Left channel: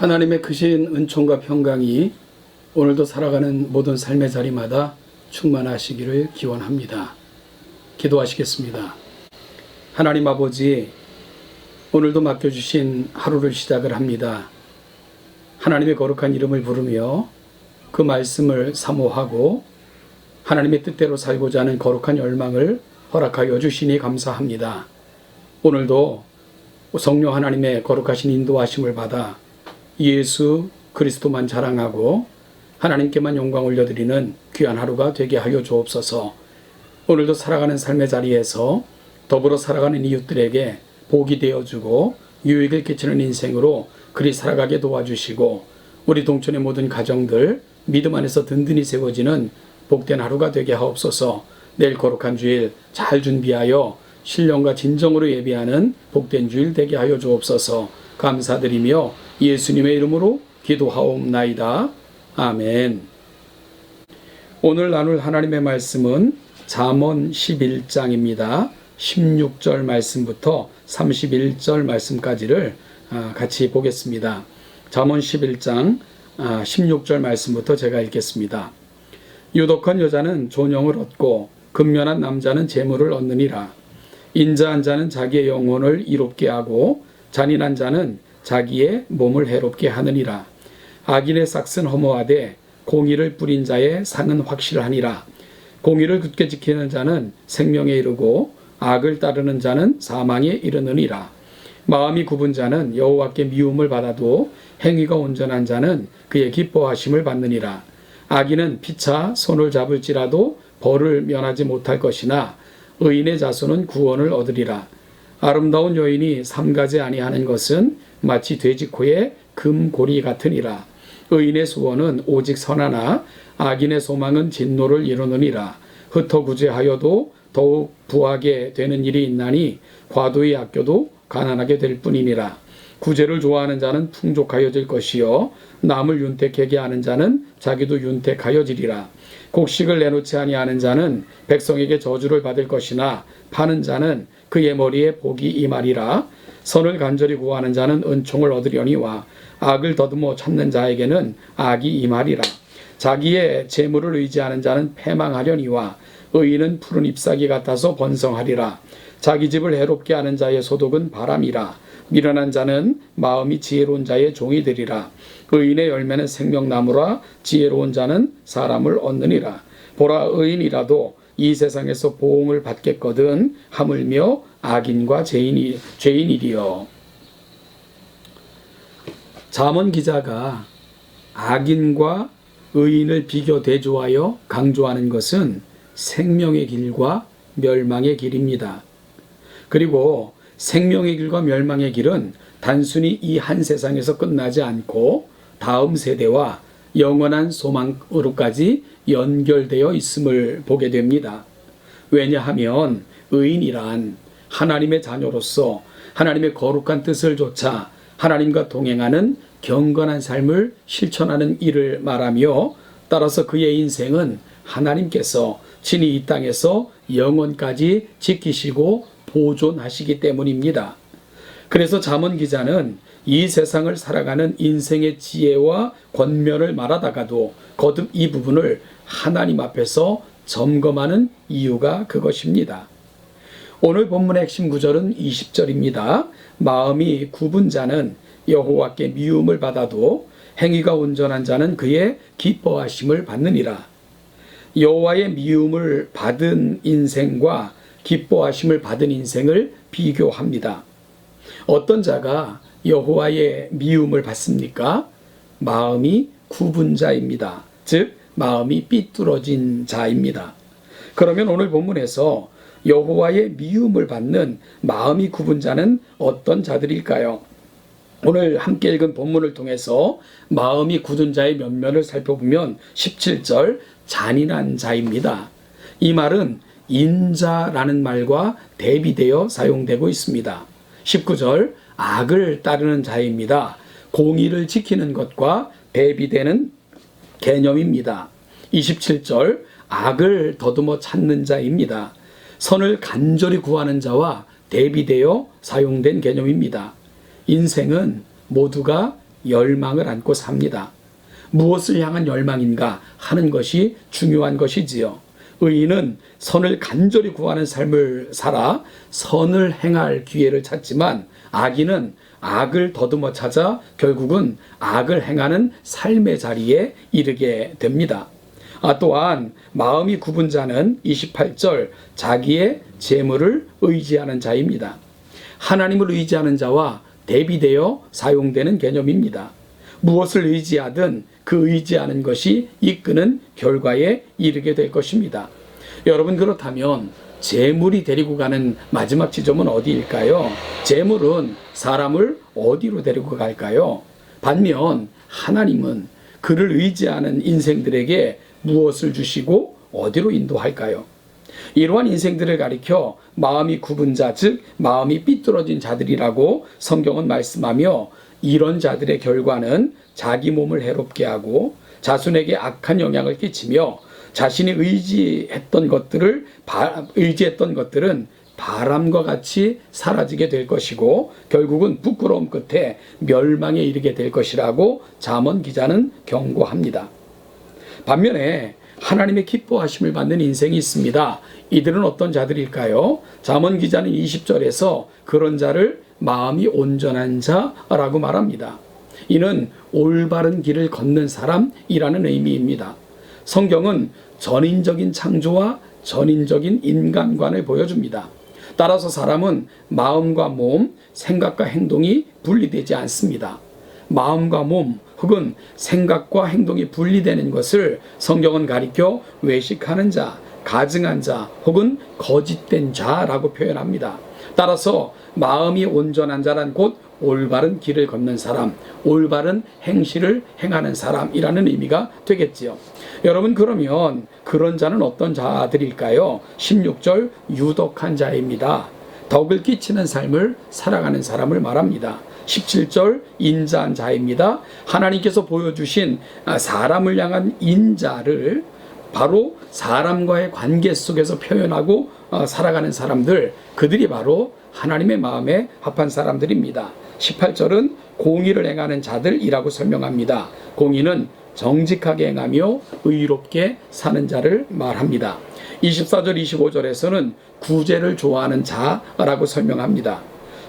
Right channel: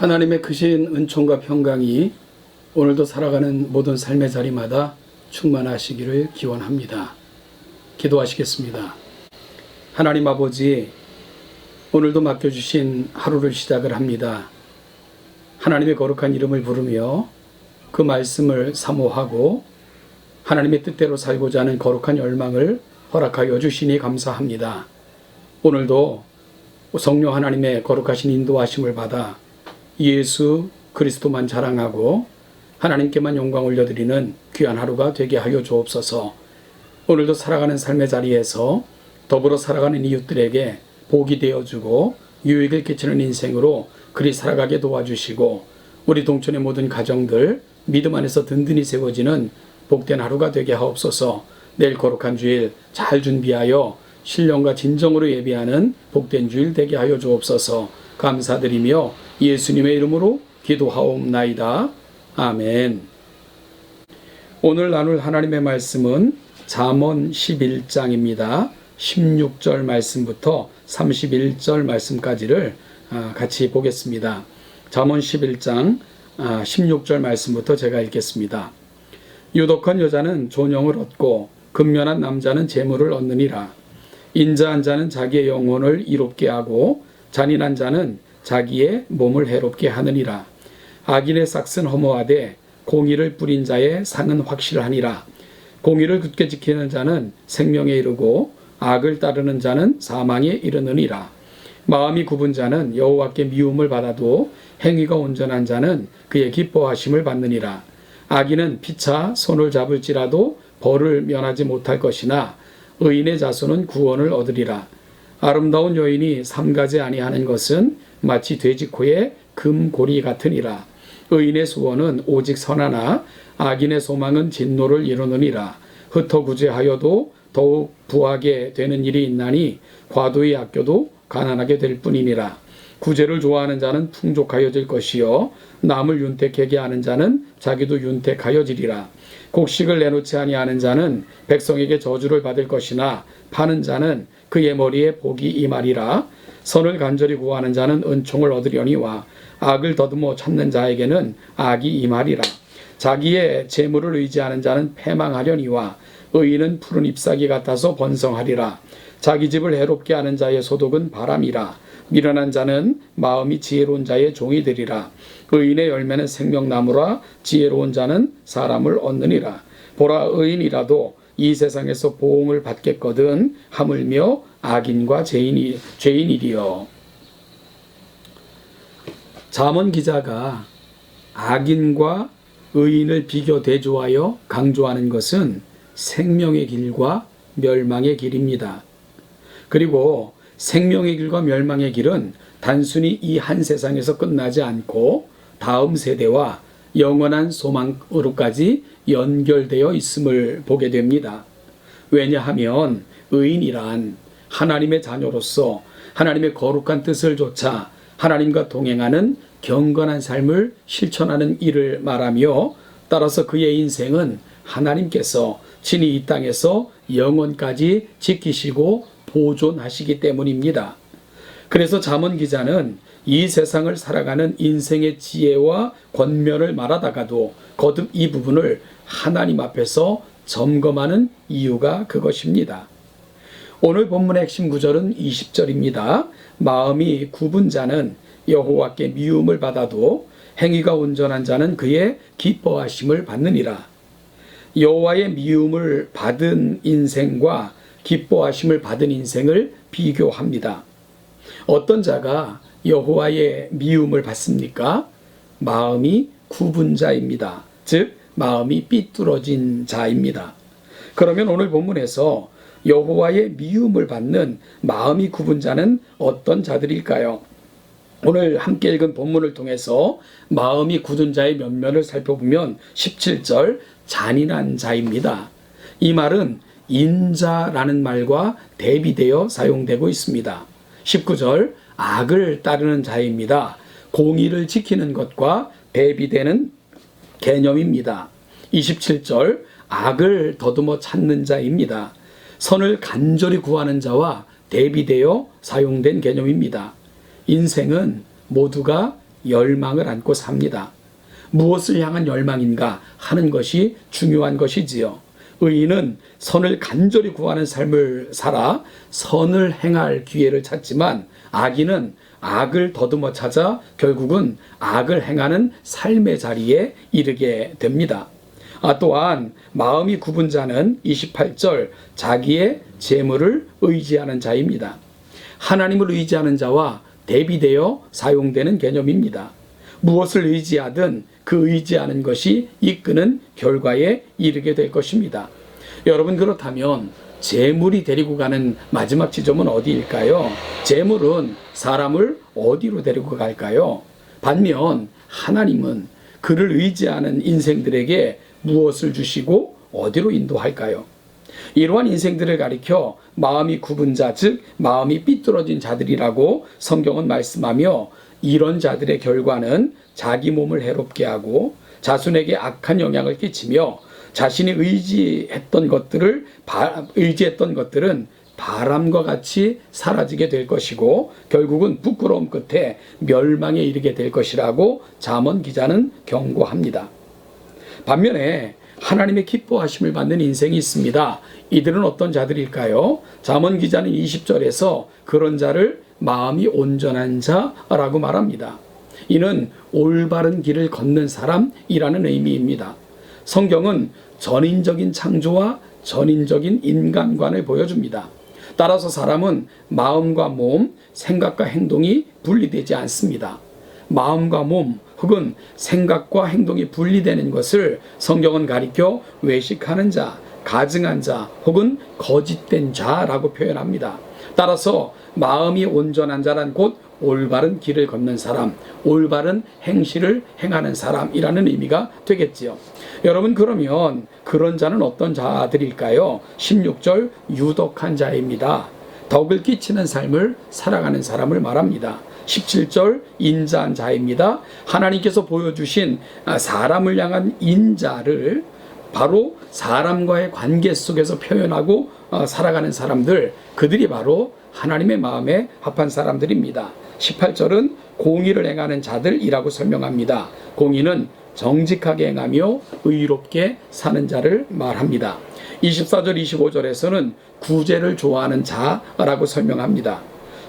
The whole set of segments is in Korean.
하나님의 크신 은총과 평강이 오늘도 살아가는 모든 삶의 자리마다 충만하시기를 기원합니다. 기도하시겠습니다. 하나님 아버지, 오늘도 맡겨주신 하루를 시작을 합니다. 하나님의 거룩한 이름을 부르며 그 말씀을 사모하고 하나님의 뜻대로 살고자 하는 거룩한 열망을 허락하여 주시니 감사합니다. 오늘도 성령 하나님의 거룩하신 인도하심을 받아 예수 그리스도만 자랑하고 하나님께만 영광 올려드리는 귀한 하루가 되게 하여 주옵소서. 오늘도 살아가는 삶의 자리에서 더불어 살아가는 이웃들에게 복이 되어주고 유익을 끼치는 인생으로 그리 살아가게 도와주시고 우리 동촌의 모든 가정들 믿음 안에서 든든히 세워지는 복된 하루가 되게 하옵소서. 내일 거룩한 주일 잘 준비하여 신령과 진정으로 예비하는 복된 주일 되게 하여 주옵소서. 감사드리며 예수님의 이름으로 기도하옵나이다. 아멘. 오늘 나눌 하나님의 말씀은 잠언 11장입니다. 16절 말씀부터 31절 말씀까지를 아, 같이 보겠습니다. 잠언 11장 16절 말씀부터 제가 읽겠습니다. 유독한 여자는 존영을 얻고 근면한 남자는 재물을 얻느니라. 인자한 자는 자기의 영혼을 이롭게 하고 잔인한 자는 자기의 몸을 해롭게 하느니라. 악인의 싹은 허무하되 공의를 뿌린 자의 상은 확실하니라. 공의를 굳게 지키는 자는 생명에 이르고 악을 따르는 자는 사망에 이르느니라. 마음이 굽은 자는 여호와께 미움을 받아도 행위가 온전한 자는 그의 기뻐하심을 받느니라. 악인은 피차 손을 잡을지라도 벌을 면하지 못할 것이나 의인의 자손은 구원을 얻으리라. 아름다운 여인이 삼가지 아니하는 것은 마치 돼지코의 금고리 같으니라. 의인의 소원은 오직 선하나 악인의 소망은 진노를 이루느니라. 흩어구제하여도 더욱 부하게 되는 일이 있나니 과도히 아껴도 가난하게 될 뿐이니라. 구제를 좋아하는 자는 풍족하여질 것이요 남을 윤택하게 하는 자는 자기도 윤택하여지리라. 곡식을 내놓지 아니하는 자는 백성에게 저주를 받을 것이나 파는 자는 그의 머리에 복이 임하리라. 선을 간절히 구하는 자는 은총을 얻으려니와 악을 더듬어 찾는 자에게는 악이 임하리라. 자기의 재물을 의지하는 자는 패망하려니와 의인은 푸른 잎사귀 같아서 번성하리라. 자기 집을 해롭게 하는 자의 소독은 바람이라. 미련한 자는 마음이 지혜로운 자의 종이 되리라. 의인의 열매는 생명나무라. 지혜로운 자는 사람을 얻느니라. 보라 의인이라도 이 세상에서 보응을 받겠거든 하물며 악인과 죄인이 죄인이리요. 잠언 기자가 악인과 의인을 비교 대조하여 강조하는 것은 생명의 길과 멸망의 길입니다. 그리고 생명의 길과 멸망의 길은 단순히 이 한 세상에서 끝나지 않고 다음 세대와 영원한 소망으로까지 연결되어 있음을 보게 됩니다. 왜냐하면 의인이란 하나님의 자녀로서 하나님의 거룩한 뜻을 좇아 하나님과 동행하는 경건한 삶을 실천하는 일을 말하며 따라서 그의 인생은 하나님께서 친히 이 땅에서 영원까지 지키시고 보존하시기 때문입니다. 그래서 잠언 기자는 이 세상을 살아가는 인생의 지혜와 권면을 말하다가도 거듭 이 부분을 하나님 앞에서 점검하는 이유가 그것입니다. 오늘 본문의 핵심 구절은 20절입니다. 마음이 굽은 자는 여호와께 미움을 받아도 행위가 온전한 자는 그의 기뻐하심을 받느니라. 여호와의 미움을 받은 인생과 기뻐하심을 받은 인생을 비교합니다. 어떤 자가 여호와의 미움을 받습니까? 마음이 굽은 자입니다. 즉 마음이 삐뚤어진 자입니다. 그러면 오늘 본문에서 여호와의 미움을 받는 마음이 굽은 자는 어떤 자들일까요? 오늘 함께 읽은 본문을 통해서 마음이 굳은 자의 면면을 살펴보면 17절 잔인한 자입니다. 이 말은 인자라는 말과 대비되어 사용되고 있습니다. 19절 악을 따르는 자입니다. 공의를 지키는 것과 대비되는 개념입니다. 27절 악을 더듬어 찾는 자입니다. 선을 간절히 구하는 자와 대비되어 사용된 개념입니다. 인생은 모두가 열망을 안고 삽니다. 무엇을 향한 열망인가 하는 것이 중요한 것이지요. 의인은 선을 간절히 구하는 삶을 살아 선을 행할 기회를 찾지만 악인은 악을 더듬어 찾아 결국은 악을 행하는 삶의 자리에 이르게 됩니다. 아, 또한 마음이 굽은 자는 28절 자기의 재물을 의지하는 자입니다. 하나님을 의지하는 자와 대비되어 사용되는 개념입니다. 무엇을 의지하든 그 의지하는 것이 이끄는 결과에 이르게 될 것입니다. 여러분 그렇다면 재물이 데리고 가는 마지막 지점은 어디일까요? 재물은 사람을 어디로 데리고 갈까요? 반면 하나님은 그를 의지하는 인생들에게 무엇을 주시고 어디로 인도할까요? 이러한 인생들을 가리켜 마음이 굽은 자, 즉 마음이 삐뚤어진 자들이라고 성경은 말씀하며 이런 자들의 결과는 자기 몸을 해롭게 하고 자손에게 악한 영향을 끼치며 자신이 의지했던 것들을 바- 의지했던 것들은 바람과 같이 사라지게 될 것이고 결국은 부끄러움 끝에 멸망에 이르게 될 것이라고 잠언 기자는 경고합니다. 반면에 하나님의 기뻐하심을 받는 인생이 있습니다. 이들은 어떤 자들일까요? 잠언 기자는 20절에서 그런 자를 마음이 온전한 자라고 말합니다. 이는 올바른 길을 걷는 사람이라는 의미입니다. 성경은 전인적인 창조와 전인적인 인간관을 보여줍니다. 따라서 사람은 마음과 몸, 생각과 행동이 분리되지 않습니다. 마음과 몸 혹은 생각과 행동이 분리되는 것을 성경은 가리켜 외식하는 자, 가증한 자 혹은 거짓된 자라고 표현합니다. 따라서 마음이 온전한 자란 곧 올바른 길을 걷는 사람, 올바른 행실을 행하는 사람이라는 의미가 되겠지요. 여러분 그러면 그런 자는 어떤 자들일까요? 16절 유독한 자입니다. 덕을 끼치는 삶을 살아가는 사람을 말합니다. 17절 인자한 자입니다. 하나님께서 보여주신 아, 사람을 향한 인자를 바로 사람과의 관계 속에서 표현하고 어, 살아가는 사람들, 그들이 바로 하나님의 마음에 합한 사람들입니다. 18절은 공의를 행하는 자들이라고 설명합니다. 공의는 정직하게 행하며 의롭게 사는 자를 말합니다. 24절, 25절에서는 구제를 좋아하는 자라고 설명합니다.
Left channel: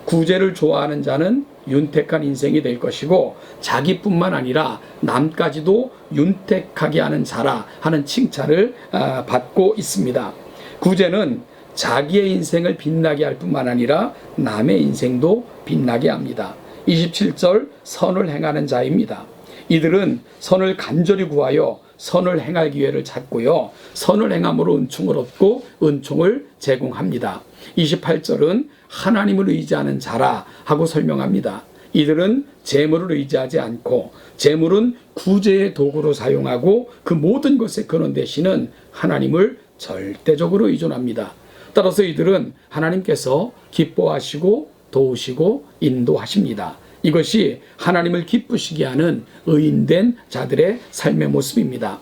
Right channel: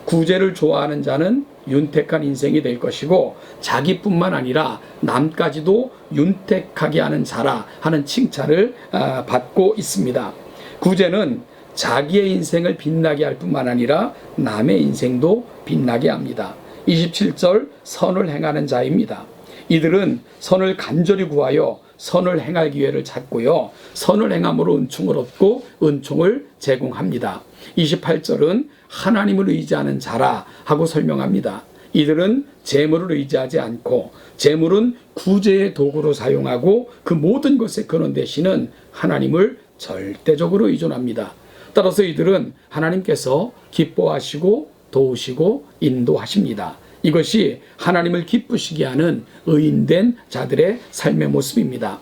구제를 좋아하는 자는 윤택한 인생이 될 것이고 자기뿐만 아니라 남까지도 윤택하게 하는 자라 하는 칭찬을 아, 받고 있습니다. 구제는 자기의 인생을 빛나게 할 뿐만 아니라 남의 인생도 빛나게 합니다. 27절 선을 행하는 자입니다. 이들은 선을 간절히 구하여 선을 행할 기회를 찾고요. 선을 행함으로 은총을 얻고 은총을 제공합니다. 28절은 하나님을 의지하는 자라 하고 설명합니다. 이들은 재물을 의지하지 않고 재물은 구제의 도구로 사용하고 그 모든 것의 근원 되시는 하나님을 절대적으로 의존합니다. 따라서 이들은 하나님께서 기뻐하시고 도우시고 인도하십니다. 이것이 하나님을 기쁘시게 하는 의인된 자들의 삶의 모습입니다.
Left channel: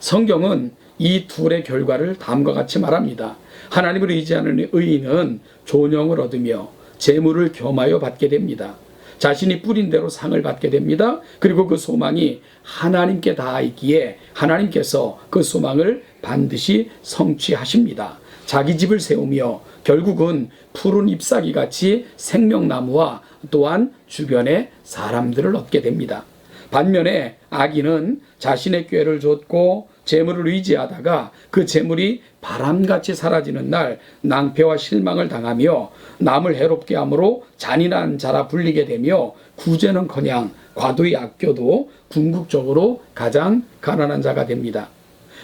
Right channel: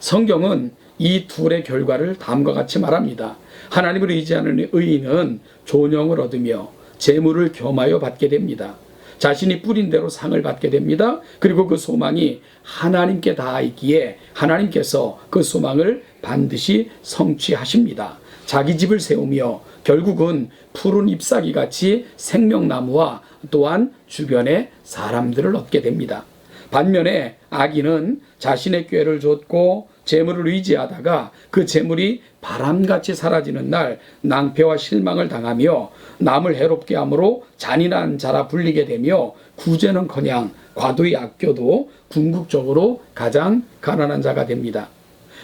성경은 이 둘의 결과를 다음과 같이 말합니다. 하나님을 의지하는 의인은 존영을 얻으며 재물을 겸하여 받게 됩니다. 자신이 뿌린 대로 상을 받게 됩니다. 그리고 그 소망이 하나님께 닿아 있기에 하나님께서 그 소망을 반드시 성취하십니다. 자기 집을 세우며 결국은 푸른 잎사귀 같이 생명나무와 또한 주변의 사람들을 얻게 됩니다. 반면에 악인은 자신의 꾀를 줬고 재물을 의지하다가 그 재물이 바람같이 사라지는 날 낭패와 실망을 당하며 남을 해롭게 함으로 잔인한 자라 불리게 되며 구제는커녕 과도히 아껴도 궁극적으로 가장 가난한 자가 됩니다.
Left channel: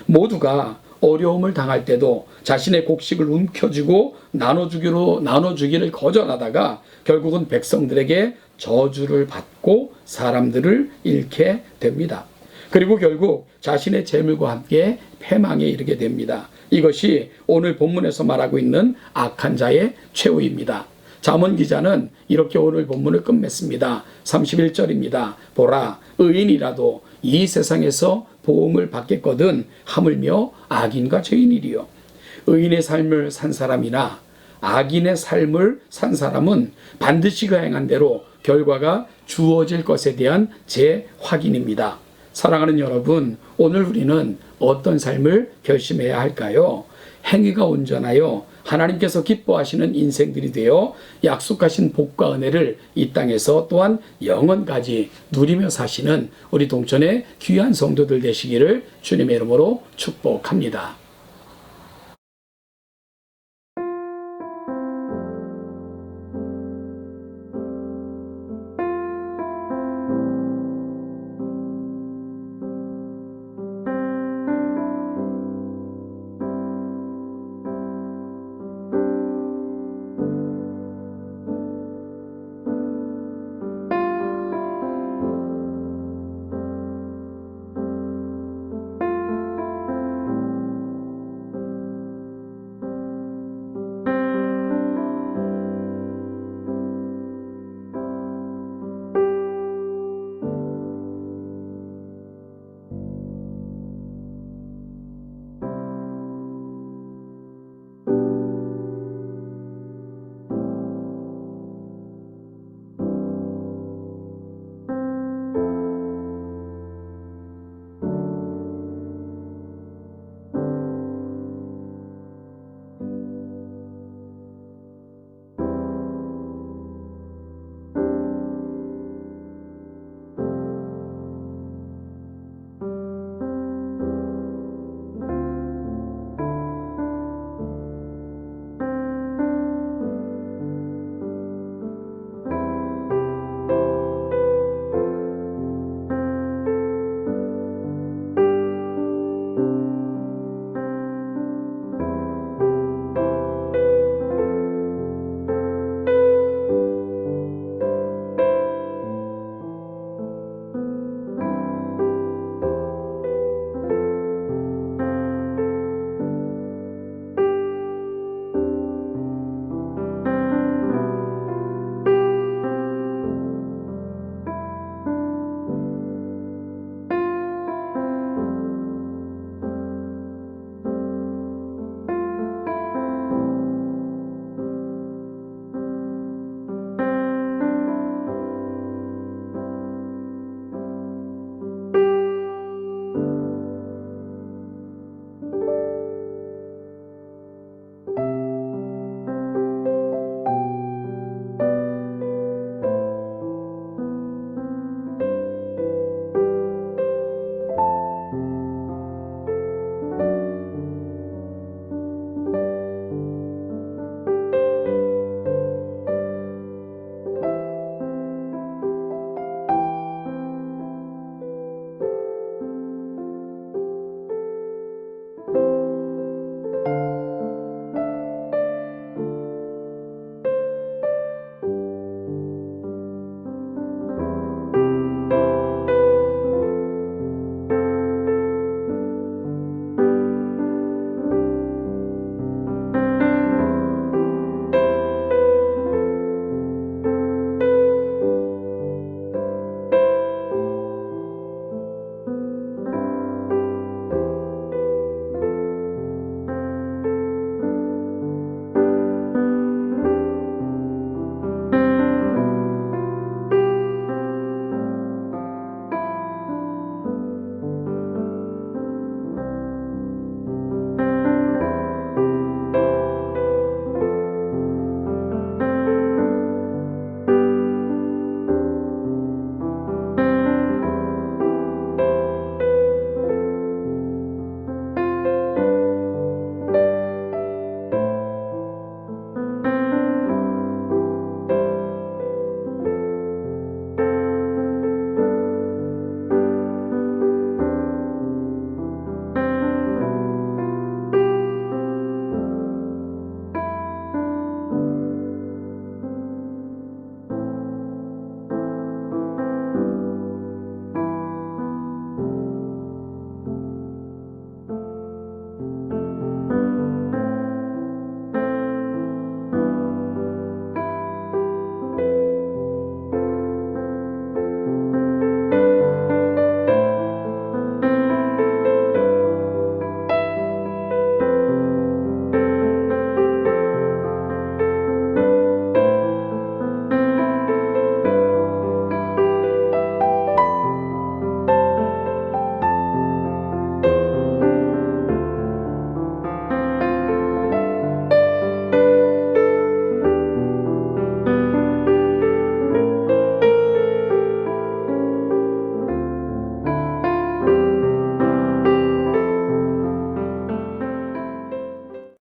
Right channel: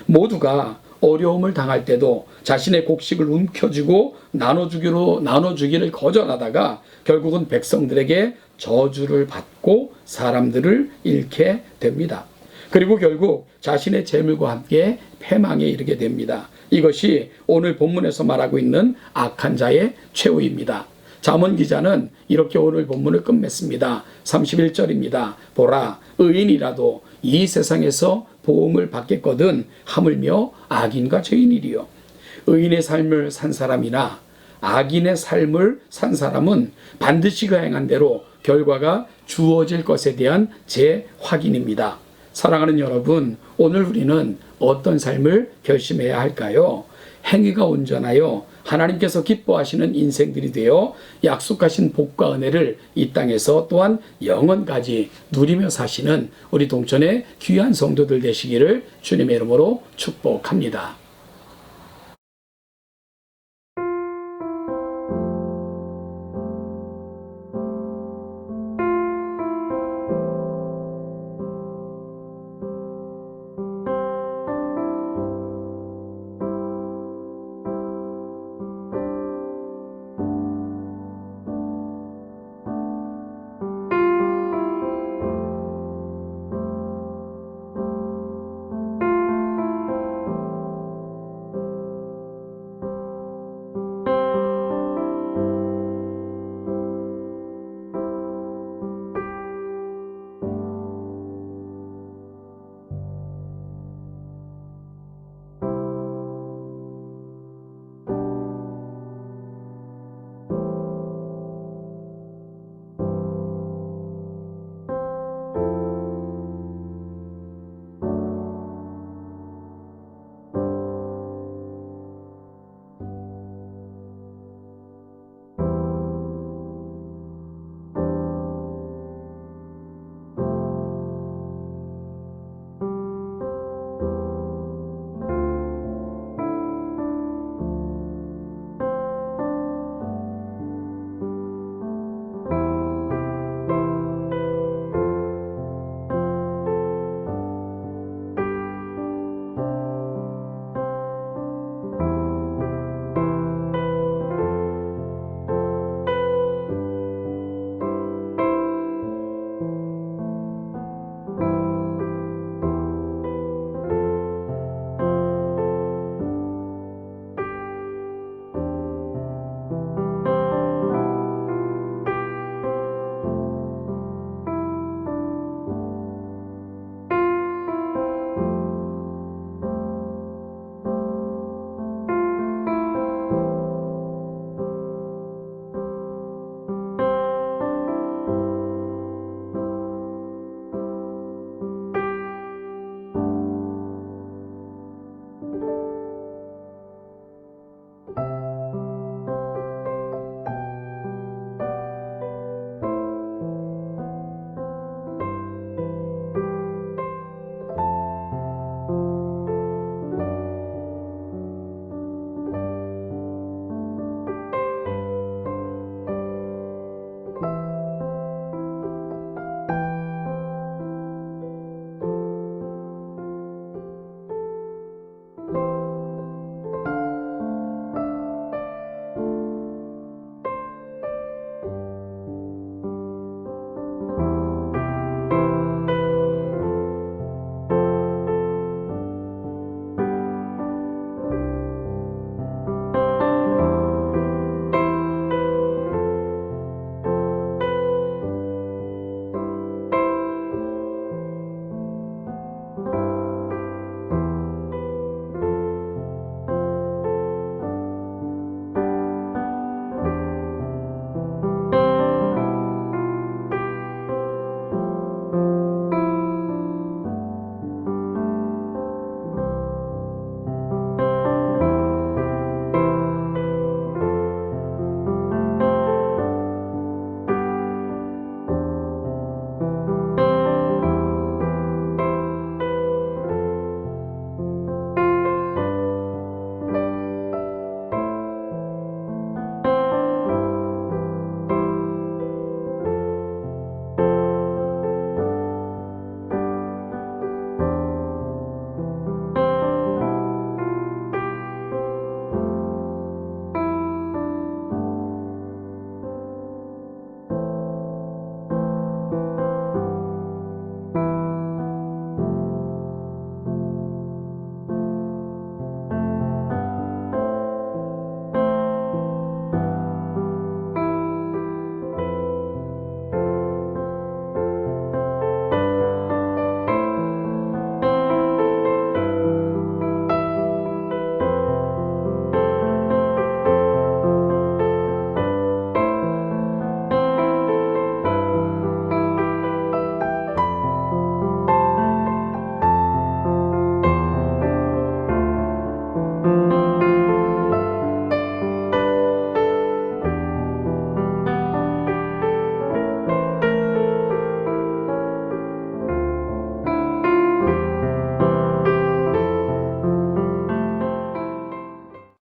모두가 어려움을 당할 때도 자신의 곡식을 움켜쥐고 나눠주기로 나눠주기를 거절하다가 결국은 백성들에게 저주를 받고 사람들을 잃게 됩니다. 그리고 결국 자신의 재물과 함께 패망에 이르게 됩니다. 이것이 오늘 본문에서 말하고 있는 악한 자의 최후입니다. 잠언 기자는 이렇게 오늘 본문을 끝맺습니다. 31절입니다. 보라 의인이라도 이 세상에서 보응을 받겠거든 하물며 악인과 죄인이리요. 의인의 삶을 산 사람이나 악인의 삶을 산 사람은 반드시 그 행한 대로 결과가 주어질 것에 대한 재 확인입니다. 사랑하는 여러분, 오늘 우리는 어떤 삶을 결심해야 할까요? 행위가 온전하여 하나님께서 기뻐하시는 인생들이 되어 약속하신 복과 은혜를 이 땅에서 또한 영원까지 누리며 사시는 우리 동천의 귀한 성도들 되시기를 주님의 이름으로 축복합니다.